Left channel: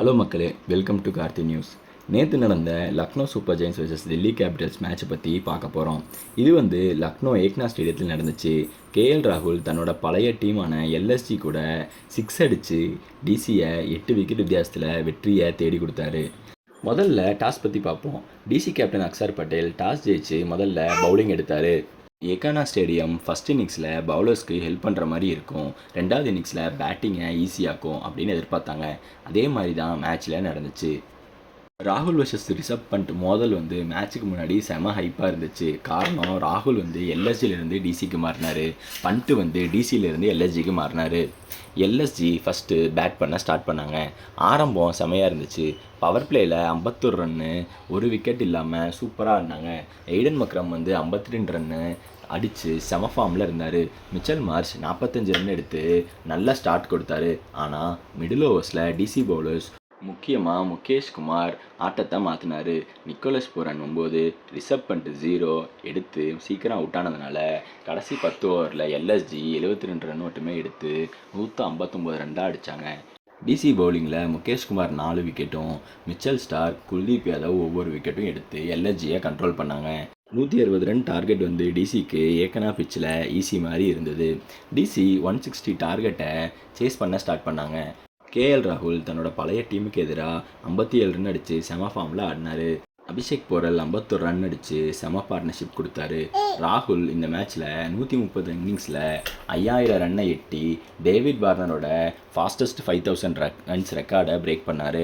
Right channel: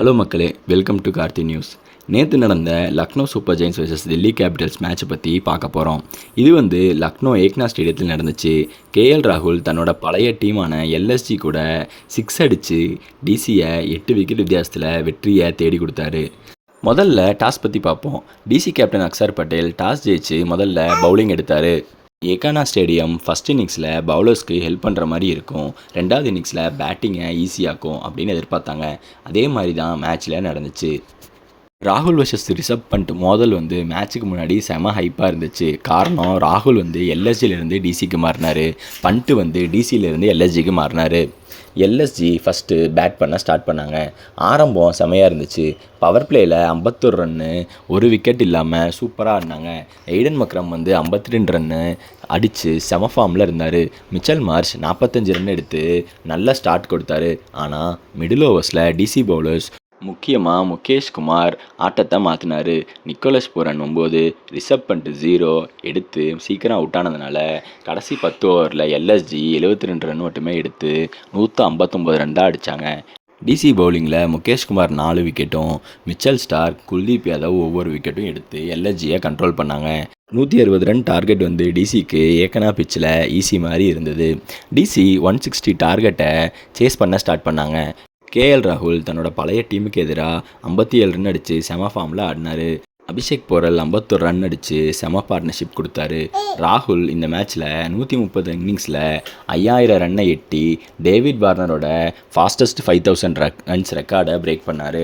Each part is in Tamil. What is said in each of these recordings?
ஹலோ மக்களே. வெல்கம் டு கார்த்தி நியூஸ் நேற்று நடந்த Lucknow super giants versus Delhi capitals மேட்சை பற்றி பார்க்க போகிறோம் இது வந்து லக்னோ ஏக்னா ஸ்டேடியத்தில் நடந்துச்சு. கேஎல் ராகுல் தன்னோட பழைய டீமான எல்எஸ்ஜி கூட சிக்ஸ் அடித்து டிசியை எட்டு விக்கெட் வித்தியாசத்தில் வெற்றியை தேடி கொடுத்தாரு. முதல்ல டாஸ் பற்றி பார்ப்போம். DC captain Axar Patel toss ஜெயிச்சு முதல்ல பவுலிங் எடுத்தார். ஏகானா ஸ்டேடியம் ஃபஸ்ட் இன்னிங்ஸில் பவுலர்ஸ்க்கு ஹெல்ப் பண்ணுற மாதிரி இருக்கும். ரெண்டாவது இன்னிங்ஸில் பேட்டிங்கை ஈஸியாக்கும் அப்படின்னு எதிர்பார்த்தாங்க. அதே மாதிரி தான் மேட்ச்சில் நடந்துச்சு. ராகுல் வர்சஸ் ரிஷப் பண்ட் மோதல் வந்து மேட்ச்சுக்கு முன்னாடி செம ஹைப்பாக இருந்துச்சு. காரணம் ராகுல் வந்து எல்எஸ்ஜிலேருந்து டிசிக்கு மாறினார். பண்ட்டு வந்து டிசியிலேருந்து எல்எஸ்ஜிக்கு மாறினார். எல்எஸ்ஜி ஃபஸ்ட்டு பேட் பண்ண ஸ்டார்ட் பண்ணாங்க. ஆரம்பம் செமையாக இருந்துச்சு. பவர் பிளேயில் ஐம்பத்தொரு ரன்னு ஒரு விக்கெட் இல்லாமல் சூப்பராக ஆடினாங்க. எய்டன் மக்ரம் வந்து ஐம்பத்தி ரெண்டு ரன்னு அடித்து செம ஃபார்மில் இருந்தார். மிச்சல் மார்ச் நாற்பத்தஞ்சு ரன் எடுத்து நல்ல ஸ்டார்ட் கொடுத்தாரு. ஆனால் மிடில் ஓவர்ஸில் டிசி பவுலர்ஸ் முக்கியமாக முகேஷ் குமார் ஆட்டத்தை மாற்றினார் நிக்கோலஸ் பூரன் ஒம்பது ரிஷப் பண்ணிட்டு ஜீரோ எடுத்து சீக்கிரம் அவுட் ஆனதுனால கடைசி பத்து ஓவரில் எல்எஸ்ஜி எழுபத்தி ரெண்டு ரன் மட்டுமே எடுத்து நூற்றி ஐம்பத்தொம்போது ரன் தான் அடித்தாங்க டிசி பவுலிங்கில் முகேஷ்குமார் நாலு விக்கெட்டும் மிச்சல் ஸ்டார் குல்தீப் யாதவ் ஒவ்வொரு விக்கெட்டும் எடுத்து எல்எஸ்ஜியை கண்ட்ரோல் பண்ணாங்க. நூற்றி அறுபது ரன் டார்கெட் வந்து டிசிக்கு ஏக்கனா பிச்சில் ஈஸி மாதிரி இருந்தது. டிசி ஒன் சிக்ஸ்டி டார்கெட்டை சேஸ் பண்ண ஸ்டார்ட் பண்ணாங்க. கேஎல் ராகுல் தன்னோட பழைய டீமுக்கு எதிராக ஐம்பத்தி ஏழு ரன் அடித்து செம ஃபார்மில் ஆடினார். அபிஷேக் போரல் ஐம்பத்தொரு ரன் அடித்து செம பார்ட்னர்ஷிப் கொடுத்தாரு. ராகுல் இந்த மேட்ச்சில் நூற்றி முப்பது இன்னிங்ஸில் ஐயாயிரம் ரன்னை எட்டி டேவிட் வார்னரோட ஃபாஸ்டஸ்ட் ஃபைவ் தௌசண்ட் ரன்ஸ் ரெக்கார்டை பிரேக் பண்ணார்.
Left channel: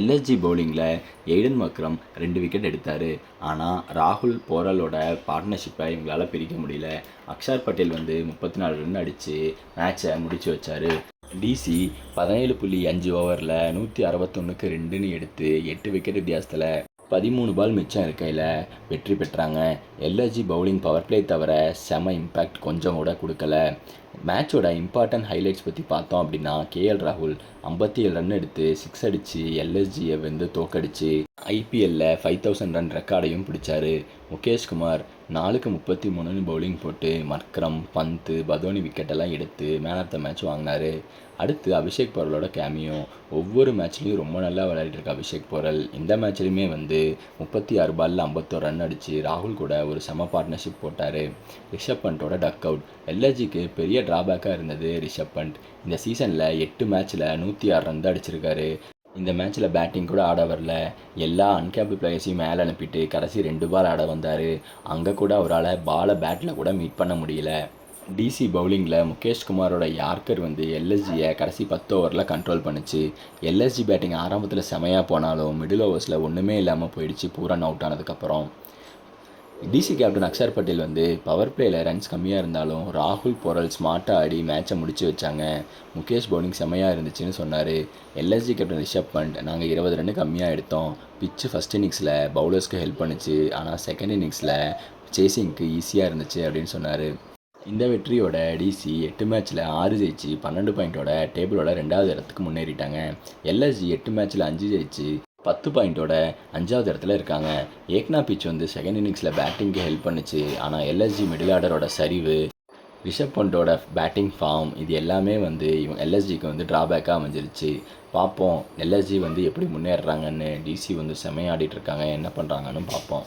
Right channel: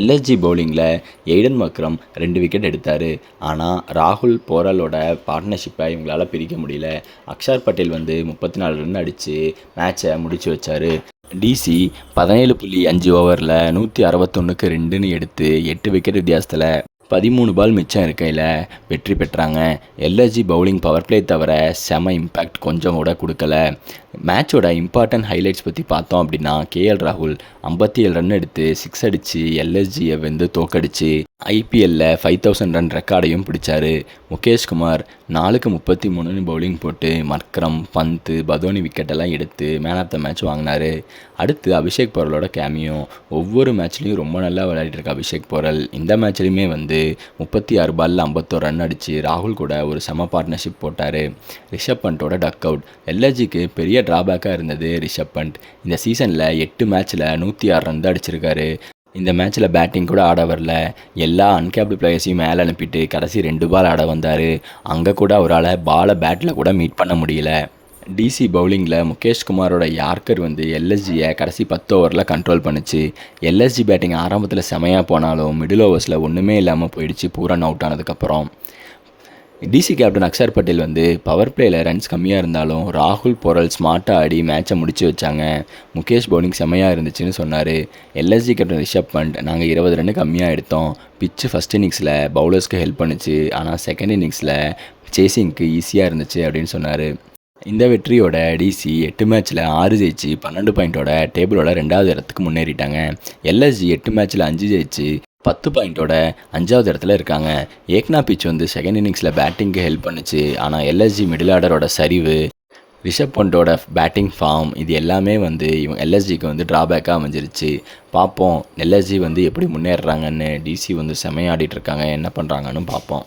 எல்எஸ்ஜி பவுலிங்கில் எய்டன் மக்ரம் ரெண்டு விக்கெட் எடுத்தார். ஆனால் ராகுல் போரலோட பார்ட்னர்ஷிப்பை இவங்களால் பிரிக்க முடியல. அக்ஷர் பட்டேல் வந்து முப்பத்தி நாலு ரன் அடித்து மேட்சை முடித்து வச்சார். டிசி பதினேழு புள்ளி அஞ்சு ஓவரில் நூற்றி அறுபத்தொன்னுக்கு ரெண்டுன்னு எடுத்து எட்டு விக்கெட் வித்தியாசத்தில் பதிமூணு பால் மிச்சம் இருக்கையில் வெற்றி பெற்றாங்க. எல்எஸ்ஜி பவுலிங் பவர் பிளே தவிர செம இம்பேக்ட் கொஞ்சம் கூட கொடுக்கல. மேட்சோட இம்பார்ட்டன்ட் ஹைலைட்ஸ் பற்றி பார்த்தோம் அப்படின்னா கேஎல் ராகுல் ஐம்பத்தி ஏழு ரன் எடுத்து சிக்ஸ் அடித்து எல்எஸ்ஜியை வந்து தோக்கடிச்சு. ஐபிஎல்லில் ஃபைவ் தௌசண்ட் ரன் ரெக்கார்டையும் பிடிச்சாரு. முகேஷ்குமார் நாலுக்கு முப்பத்தி மூணுன்னு பவுலிங் போட்டு மக்ரம் பந்து பதோனி விக்கெட்டெல்லாம் எடுத்து மேன் ஆஃப் த மேட்ச் வாங்கினார். அடுத்து அபிஷேக் பொருளோட கேமியும் ஒவ்வொரு மேட்ச்லேயும் ரொம்ப நல்லா விளையாடிட்டு அபிஷேக் போரல் இந்த மேட்ச்லையுமே வந்து முப்பத்தி ஆறு பாலில் ஐம்பத்தோரு ரன் அடித்து ராகுல் கூட ஒரு செம பார்ட்னர்ஷிப் போட்டார். ரிஷப் பண்ட்டோட டக் அவுட் எல்எஸ்ஜிக்கு பெரிய ட்ராபேக்காக இருந்தது ரிஷப் பண்ட் இந்த சீசனில் எட்டு மேட்ச்சில் நூற்றி ஆறு ரன் தான் அடிச்சிருக்காரு. இந்த மேட்ச்சில் பேட்டிங் கூட ஆட வரல. எல்லா அன்கேப்டு பிளேயர்ஸையும் மேலே அனுப்பிட்டு கடைசி ரெண்டு பால் ஆட வந்தார். அங்கே கூட அவரால் பாலை பேட்டில் கூட மீட் பண்ண முடியல. டிசி பவுலிங்கில் முகேஷ் குமாரோட யார்கர் வந்து எல்எஸ்ஜியை கடைசி பத்து ஓவரில் கண்ட்ரோல் பண்ணுச்சு. எல்எஸ்ஜி பேட்டிங் ஆரம்பத்தில் செமையாக போனாலும் மிடில் ஓவர்ஸில் ஒன்றுமே இல்லாமல் போயிடுச்சு பூரன் அவுட் ஆனதுக்கப்புறம் டிசி கேப்டன் அக்ஷர் பட்டேல் வந்து பவர் பிளேயில் ரன்ஸ் கம்மியாக இருந்தாலும் ராகுல் பொரல் ஸ்மார்ட்டாக ஆடி மேட்சை முடிச்சு வச்சாங்க. முகேஷ் பவுலிங் செம்மையாக இருந்துச்சுன்னு சொன்னார். எல்எஸ்ஜி கேப்டன் ரிஷப் பண்ட் நாங்கள் இருபது ரன் கம்மியாக எடுத்தோம். பிச்சு ஃபஸ்ட் இன்னிங்ஸில் பவுலர்ஸ்க்கு ஹெல்ப் பண்ணுச்சு. ஆனால் செகண்ட் இன்னிங்ஸில் சேசிங்க்கு ஈஸியாக இருந்துச்சு அப்படின்னு சொன்னார். இந்த வெற்றியோட டிசி எட்டு மேட்ச்சில் ஆறு ஜெயிச்சு பன்னெண்டு பாயிண்ட்டோட டேபிளோட ரெண்டாவது இடத்துக்கு முன்னேறிட்டாங்க. எல்எஸ்ஜி எட்டு மேட்ச்சில் அஞ்சு ஜெயிச்சு பத்து பாயிண்ட்டோட அஞ்சாவது இடத்துல இருக்காங்க. ஏக்னா பிச் வந்து செகண்ட் இன்னிங்ஸில் பேட்டிங்க்கு ஹெல்ப் பண்ணுச்சு. ஆனால் எல்எஸ்ஜி மிடில் ஆர்டரோட சரிவு ரிஷப் பண்டோட பேட்டிங் ஃபார்ம் இது எல்லாமே வந்து இவங்க எல்எஸ்ஜிக்கு வந்து ட்ராபேக்காக அமைஞ்சிருச்சு. பார்ப்போம். எல்எஸ்ஜி வந்து எப்படி முன்னேறுறாங்கன்னு டிசி வந்து செமையாடிட்டு இருக்காங்க. என்ன பண்ணுறாங்கன்னு பார்ப்போம்.